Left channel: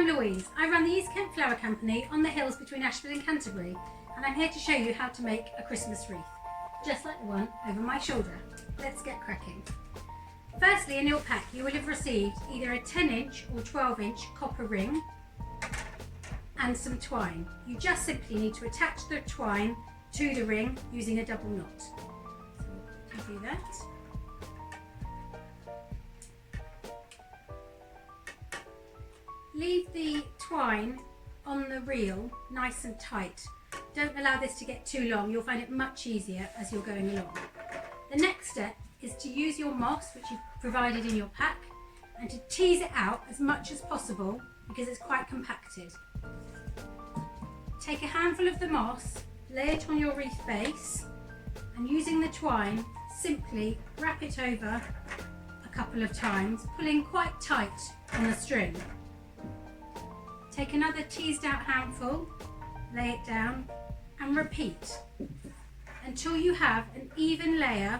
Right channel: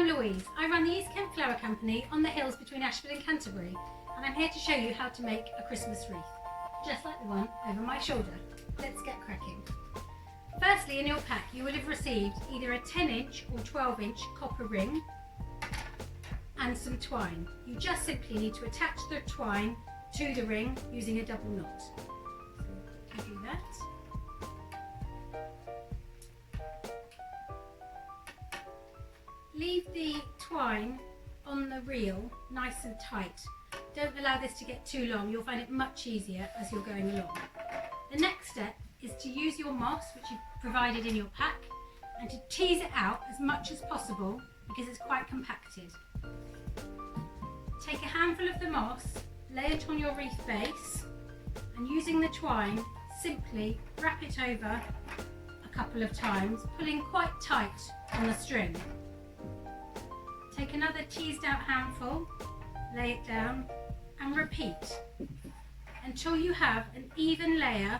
I'm Louise. I run the East Kent Flower Company on the hills between Ashford and Canterbury, and I'm here to show you how to make a Christmas wreath, just like the one over my shoulder. Let's get cracking. Firstly, in your pack you will have received either a 10-inch or 12-inch copper ring and some twine. You just simply need to attach the twine to the ring using a double knot. So you do that. Leave the twine on the reel nice and tight. Don't allow this to get too long. You'll find it much easier as you're going along. The next step is to use your moss, which you've provided in your pack, and to tease it out as much as possible because it's quite compacted. Take a handful of the moss, lay it on your wreath base, and using the twine, simply wrap it over a couple of times, pulling quite tight on the string. Take another teased out handful, lay it down, and repeat until you have an even layer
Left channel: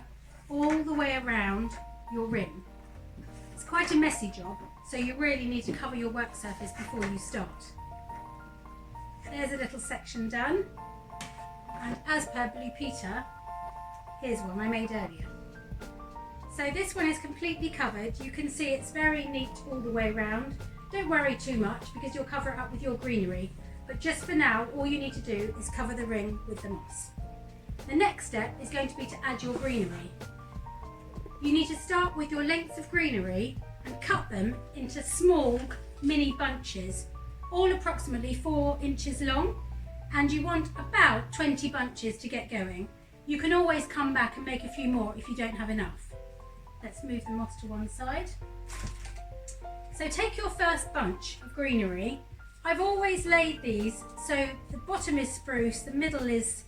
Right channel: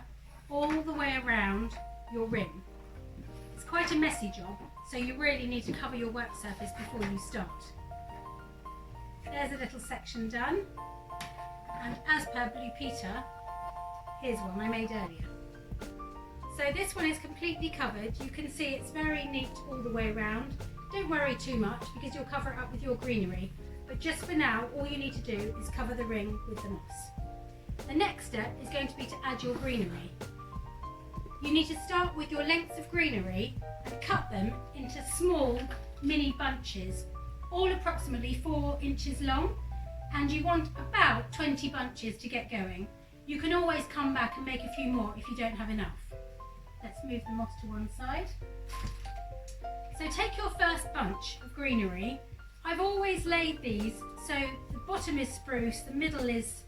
all the way around your ring. It's quite a messy job, so you really need to cover your work surface before you start. There's a little section done, and as per Blue Peter, here's one I made earlier. So this one is completely covered. You can see it's very neat all the way around. Don't worry too much because you'll cover it up with your greenery, but just for now all you need to do is cover the ring with the moss. The next step is going to be to add your greenery. You need to start with your lengths of greenery and cut them into small mini bunches, all approximately 4 inches long, and you want about 20 bunches to get going. You can always come back and make a few more if you don't have enough. Let's move the moss to one side. So take your first bunch of greenery. I've always laid these so the bottom is spruce, the middle is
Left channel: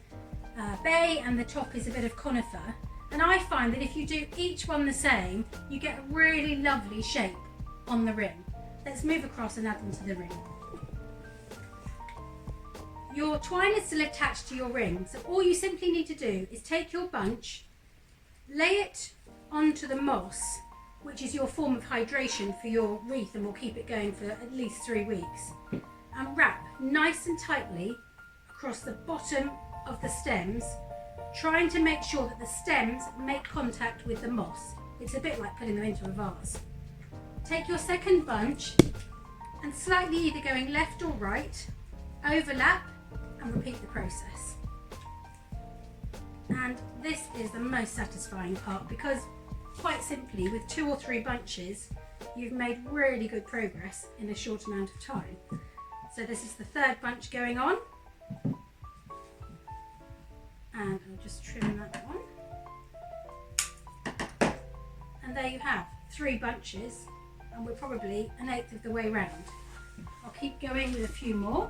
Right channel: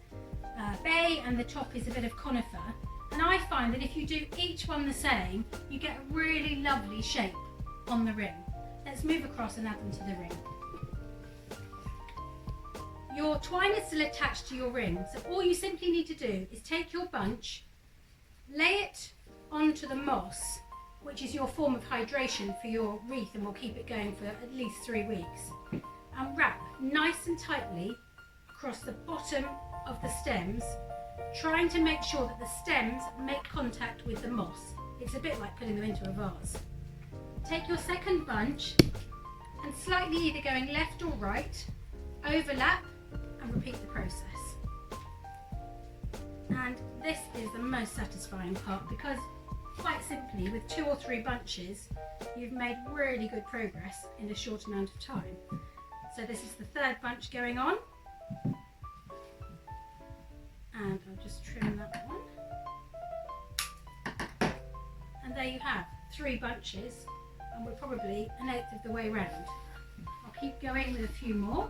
bay, and the top is a bit of conifer. And I find that if you do each one the same, you get a really lovely shape on the ring. Let's move across and add them to the ring. Your twine is still attached to your ring, so all you simply need to do is take your bunch, lay it onto the moss, which is your form of hydration for your wreath and will keep it going for at least 3 weeks, and wrap nice and tightly across the bottom of the stems, trying to make sure that the stems make contact with the moss. It's a bit like putting them into a vase. Take your second bunch and slightly either going left or right, overlap and repeat the process. And this is the most satisfying part because quite simply, with 2 or 3 bunches, you've made really good progress in a short amount of time. So this is the third bunch going on. And I'll just trim that one. And there you have 3 bunches, and we're probably 1/8 of the way round. I'll keep going with a few more.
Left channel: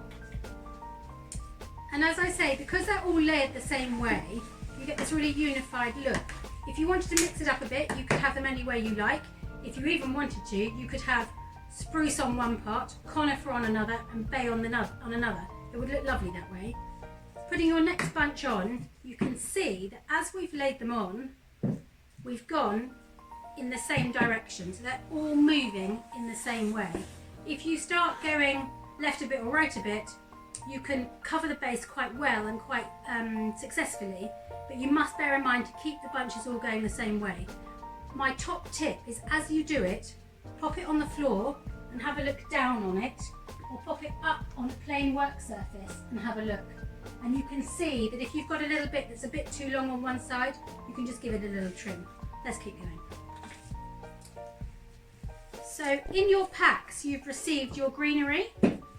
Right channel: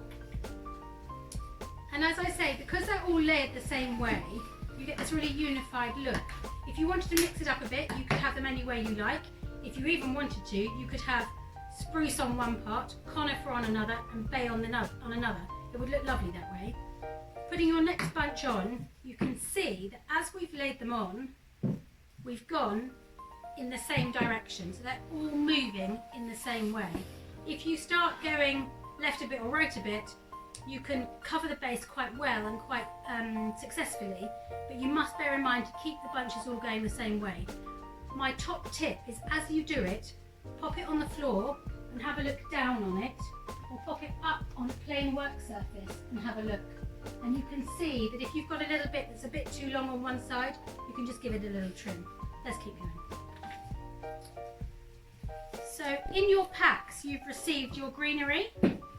And as I say, because they're all layered the same way, you get this really unified look. If you wanted to mix it up a bit, you could have them any way you like. If you even wanted to, you could have spruce on one part, conifer on another, and bay on another. It would look lovely that way. Putting your next bunch on, you can see that as we've laid them on, we've gone in the same direction. So they're all moving in the same way. If you start going left a bit or right a bit, you can cover the base quite well and quite successfully, but you must bear in mind to keep the bunches all going the same way. My top tip is as you do it, pop it on the floor and have a look down on it, or pop it up on a plain work surface and have a look. And you can see that if you've got a little bit that's a bit too long on one side, you can just give it a little trim. Let's keep going. So in your packs, you've received your greenery,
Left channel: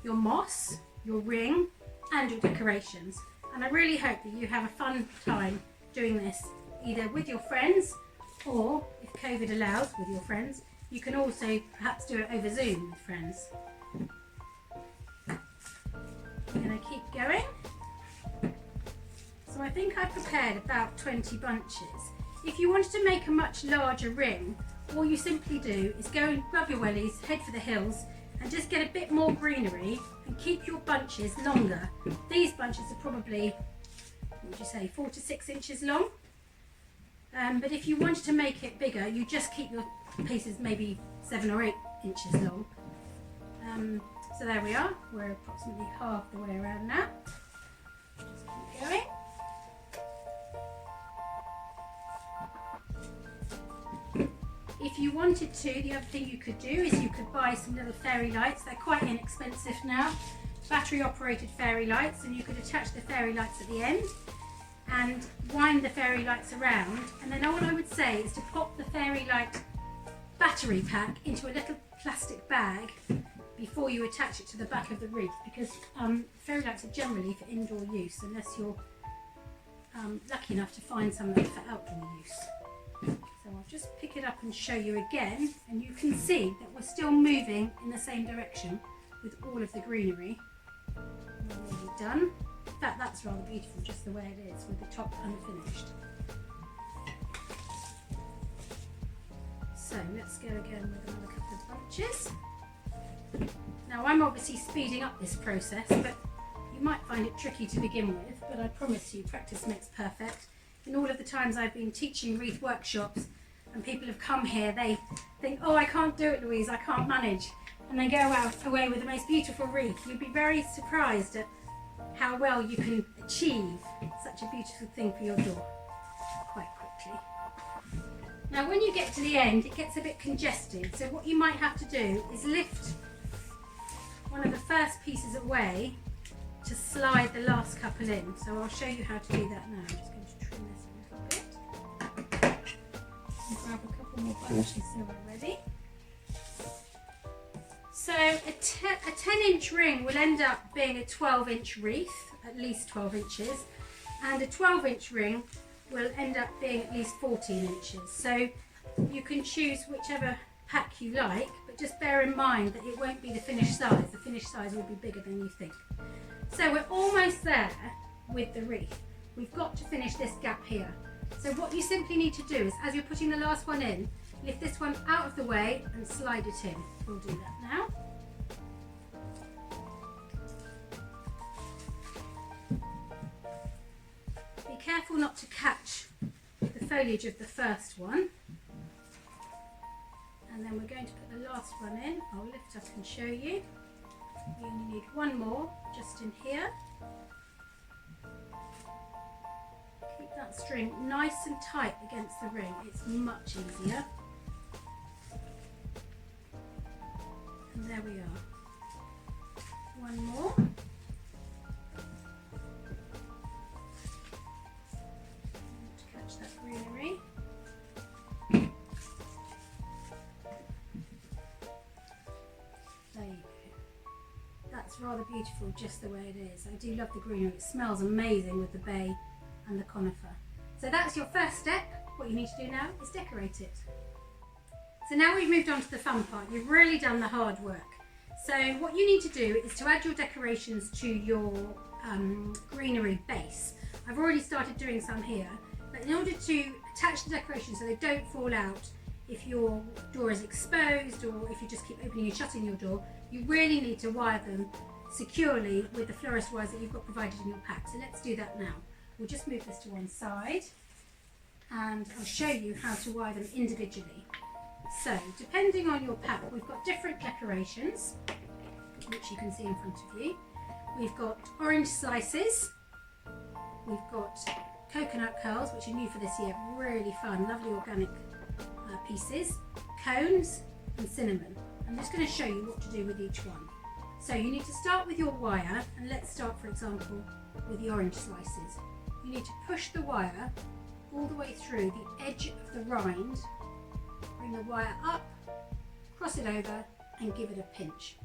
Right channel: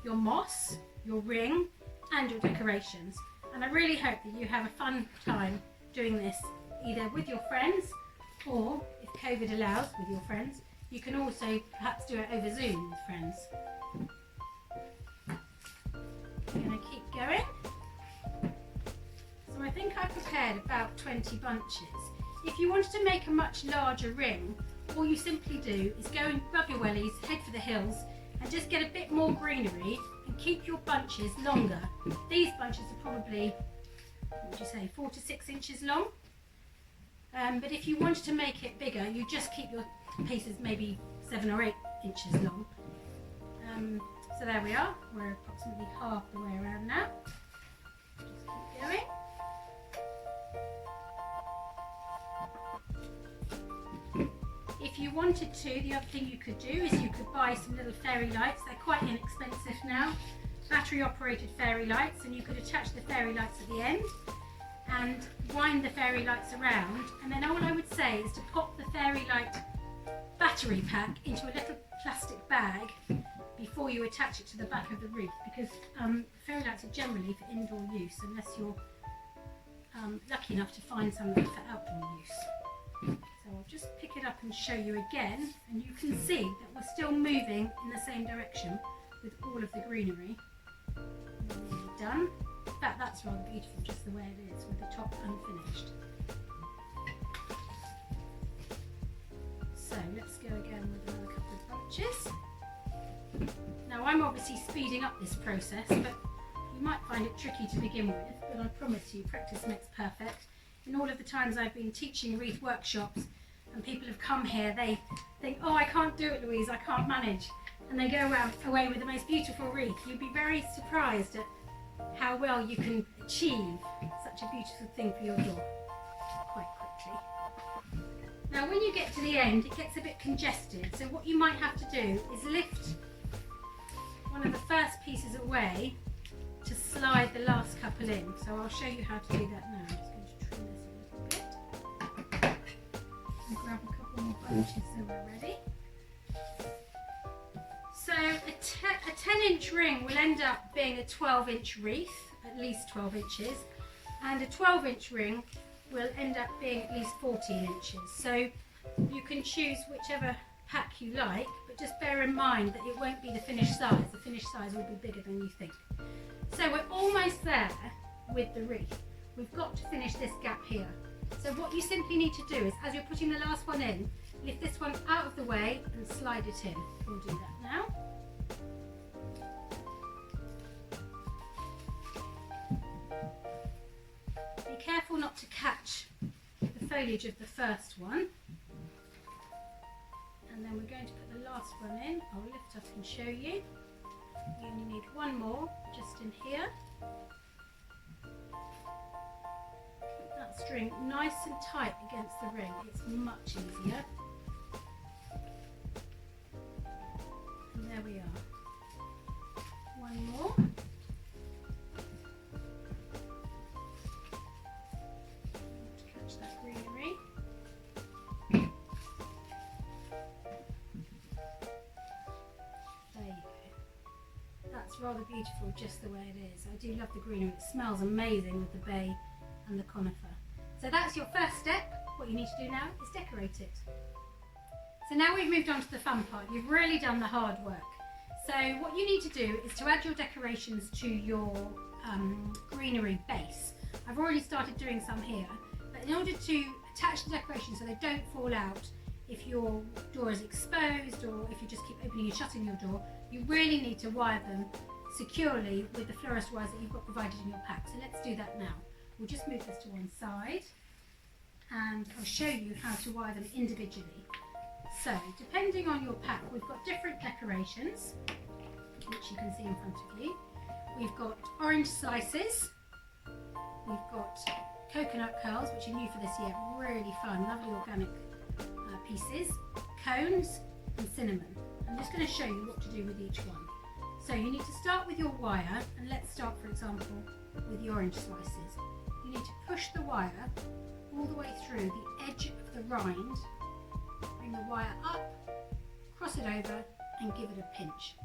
your moss, your ring, and your decorations. And I really hope that you have a fun time doing this, either with your friends, or if COVID allows, with your friends. You can also perhaps do it over Zoom with friends. I'm going to keep going. So I think I've prepared about 20 bunches. If you wanted to make a much larger ring, all you simply do is go and grab your wellies, head for the hills, and just get a bit more greenery and keep your bunches longer. These bunches are probably, what would you say, 4 to 6 inches long. But if you wanted to make it bigger, you just keep your pieces maybe 7 or 8 inches long. So So there we are, we're approximately half the way around now. Just keep going. If you wanted to, the other thing you could do is you could buy some little fairy lights. They're quite inexpensive now, battery operated fairy lights, and you could attach the fairy lights at the end and wind the fairy lights around, and then all I would say is to pop the fairy light battery pack into a little plastic bag before you attach it to the back of the wreath, because fairy lights are generally for indoor use unless you're lucky enough to find some for outdoor use. So I'll just pick it up and show you again, and you can see that we're still moving in the same direction with all of the greenery. We're nearly done. In fact, that's rather beautiful just the way it is with the top unfinished. So let's go again with another couple of bunches. Now I'm obviously speeding up this process, but you might find it tricky to begin with, but I promise you practice makes perfect. In all of the times I've been teaching wreath workshops and people have come here, they think, oh, I can't do it, Louise, I can't manage. And they go away with the most beautiful wreath. You'd be very surprised at how well you can achieve such a beautiful thing for your door quite quickly. Now when you get to the end, it gets a bit congested, so what you might have to do is lift one of the first pieces away to slide the last couple in. So I'll show you how to do that now. I'm just going to trim this a little bit and grab a couple more bunches so we're ready. So a 10-inch ring will end up being a 12-inch wreath, at least 12 inches, and a 12-inch ring will end up being at least 14 inches. So you can choose whichever pack you like, but just bear in mind that it won't be the finished size. The finished size will be bigger than you think. So we're almost there with the wreath. We've got to finish this gap here. So what you simply need to do is, as you're putting the last one in, lift this one out of the way and slide it in. We'll do that now. Be careful not to catch the foliage of the first one. And then we're going to put the last one in. I'll lift up and show you. We only need one more just in here. Keep that string nice and tight against the ring. It's much easier. And there we are. One more. To catch that greenery. There you go. That's rather beautiful just the way it is. I do love the greenery. It smells amazing with the bay and the conifer. So that's your first step. What you need to do now is decorate it. So now we've moved on to the fun part. You've really done the hard work. So what you need to do is to add your decorations to your greenery base. I've already started doing some here, but in order to attach the decorations so they don't fall out if your door is exposed or if you just keep opening and shutting your door, you really need to wire them securely with the florist wires that you've got provided in your pack. So let's do that now. We'll just move this to one side and I'll show you how to wire them individually. So depending on your pack, we've got different decorations, which you can see in front of you. We've got orange slices, we've got coconut curls, which are new for this year, really fun, lovely organic pieces, cones and cinnamon. I'm just going to show you what to do with each one. So you need to start with your wire, and let's start, for example, with the orange slices. You need to push the wire all the way through the edge of the rind, bring the wire up, cross it over and give it a pinch,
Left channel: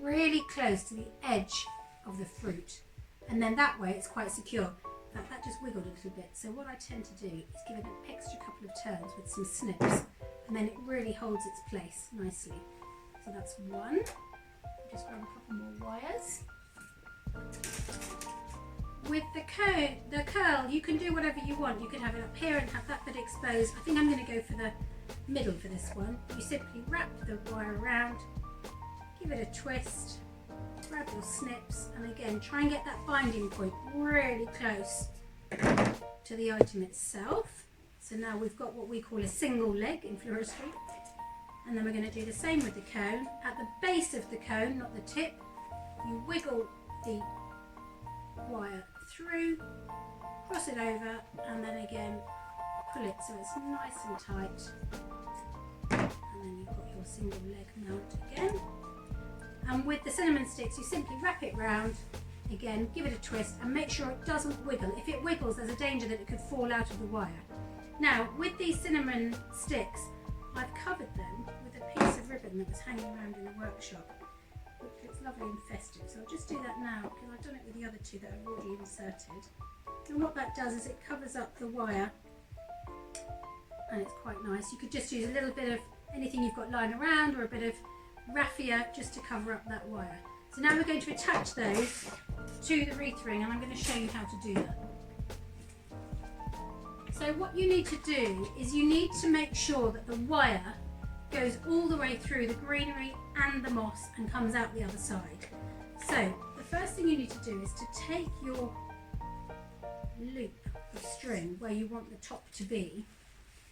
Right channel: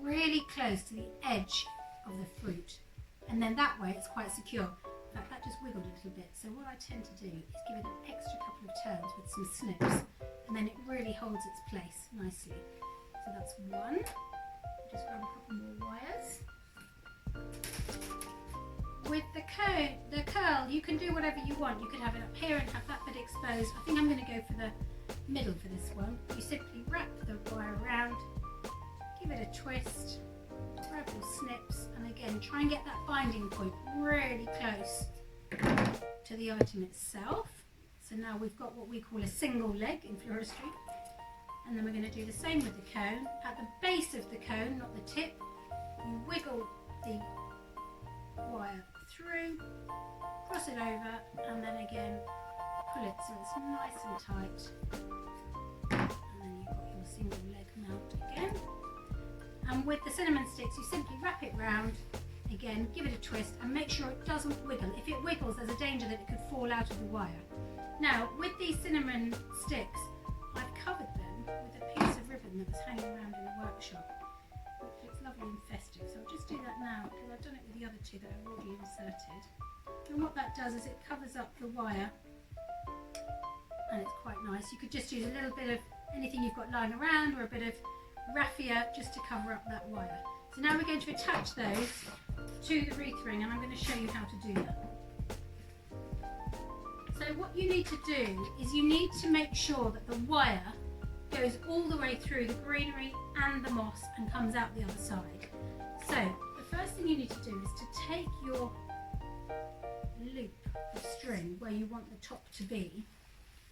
really close to the edge of the fruit, and then that way it's quite secure. In fact, that just wiggled a little bit, so what I tend to do is give it an extra couple of turns with some snips, and then it really holds its place nicely. So that's one. Just grab a couple more wires. With the curl, you can do whatever you want. You could have it up here and have that bit exposed. I think I'm going to go for the middle for this one. You simply wrap the wire around, give it a twist, grab your snips, and again try and get that binding point really close to the item itself. So now we've got what we call a single leg in floristry, and then we're going to do the same with the cone. At the base of the cone, not the tip, you wiggle the wire through, cross it over, and then again pull it so it's nice and tight, and then you've got your single leg mount again. And with the cinnamon sticks, you simply wrap it round, again give it a twist and make sure it doesn't wiggle. If it wiggles, there's a danger that it could fall out of the wire. Now with these cinnamon sticks, I've covered them with a piece of ribbon that was hanging around in the workshop, which looks lovely and festive. So I'll just do that now because I've done it with the other two that I've already inserted. And what that does is it covers up the wire, and it's quite nice. You could just use a little bit of anything you've got lying around, or a bit of raffia just to cover up that wire. So now we're going to attach those to the wreath ring, and I'm going to show you how to do that. So what you need to do is you need to make sure that the wire goes all the way through the greenery and the moss and comes out the other side. So the first thing you need to do is to take your loop of string where you want the top to be,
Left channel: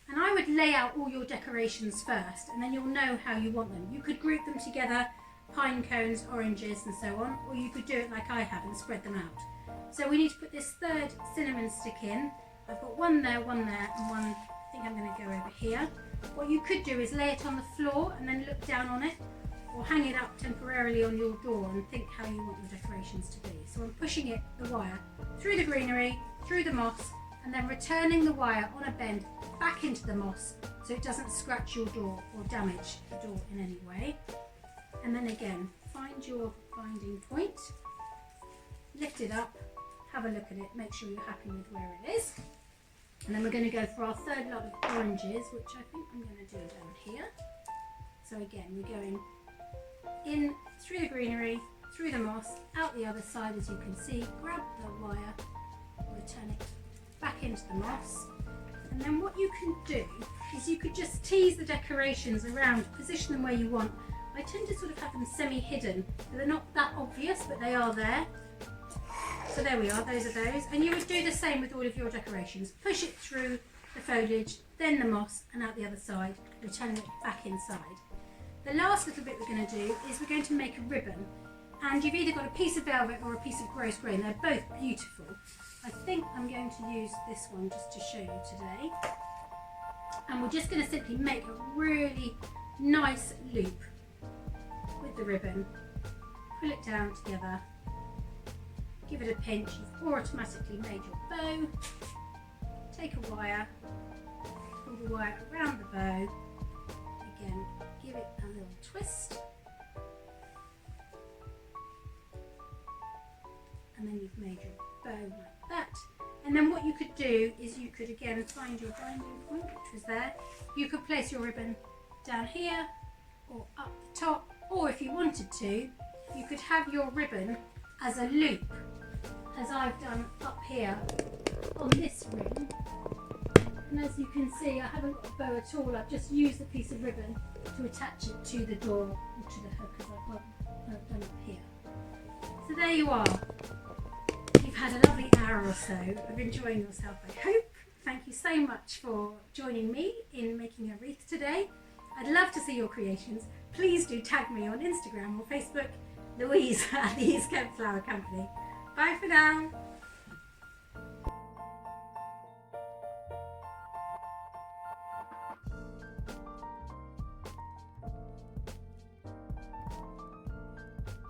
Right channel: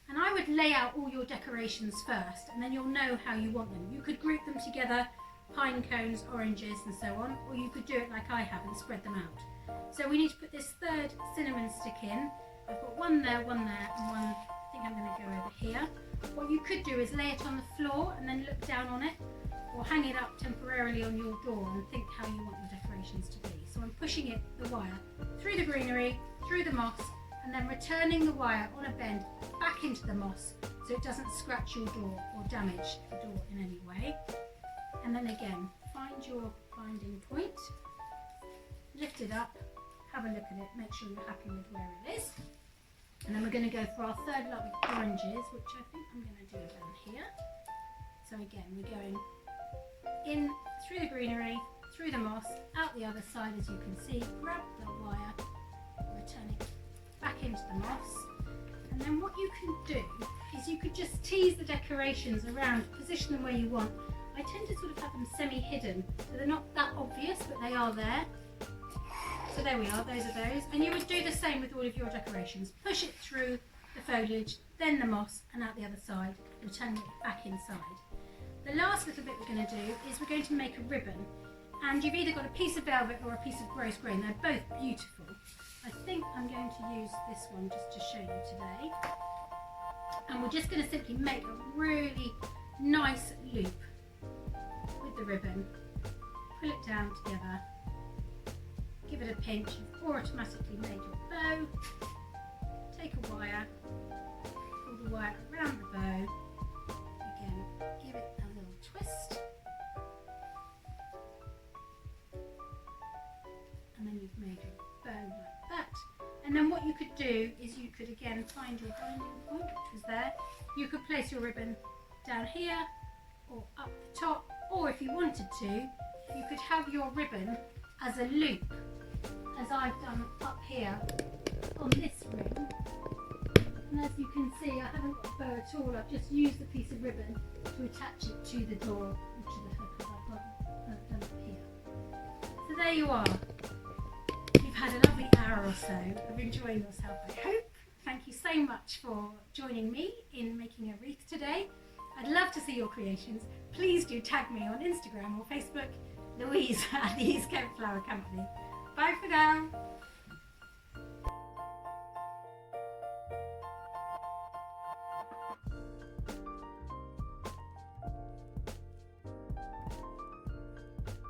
and I would lay out all your decorations first, and then you'll know how you want them. You could group them together, pine cones, oranges and so on, or you could do it like I have and spread them out. So we need to put this third cinnamon stick in. I've got one there, and one, I think I'm going to go over here. What you could do is lay it on the floor and then look down on it, or hang it up temporarily on your door and think how you want your decorations to be. So I'm pushing it, the wire, through the greenery, through the moss, and then returning the wire on a bend back into the moss so it doesn't scratch your door or damage the door in any way. And then again, find your binding point, lift it up, have a look at it, make sure you're happy with where it is. And then we're going to go for our third lot of oranges, which I think I'm going to do down here. So again, we're going in through the greenery, through the moss, out the other side as you can see, grab the wire, return it back into the moss. And then what you can do is you could just tease the decorations around, position them where you want. I tend to sort of have them semi-hidden, so they're not that obvious, but they are there. So there we are, those are those. And you would do the same with all of your decorations. Push it through the foliage, then the moss, and out the other side, return it back inside. The last little bit we're going to do is we're going to make a ribbon. And you've either got a piece of velvet or a piece of gross grain. They're both beautiful. I think I'm going to use this one just to show you today. And we're just going to simply make a really nice loop with the ribbon. Pull it down together. Give it a pinch. You've automatically made your bow. Take a wire, pull the wire around the bow. Again, give it a little twist. And then you've made your bow like that. And then what you could do is you could again find your binding point, which was there. You could place your ribbon down here or up the top, or if you wanted to, you could have your ribbon as a loop, as I've done up here on this ring. And as you can see, I haven't got a bow at all. I've just used a piece of ribbon to attach it to the door or to the hook, as I've done up here. So there you are. You've had a lovely hour or so of enjoying yourself, I hope. Thank you so much for joining me in making a wreath today. I'd love to see your creations. Please do tag me on Instagram or Facebook, Louise at the East Kent Flower Company. Bye for now.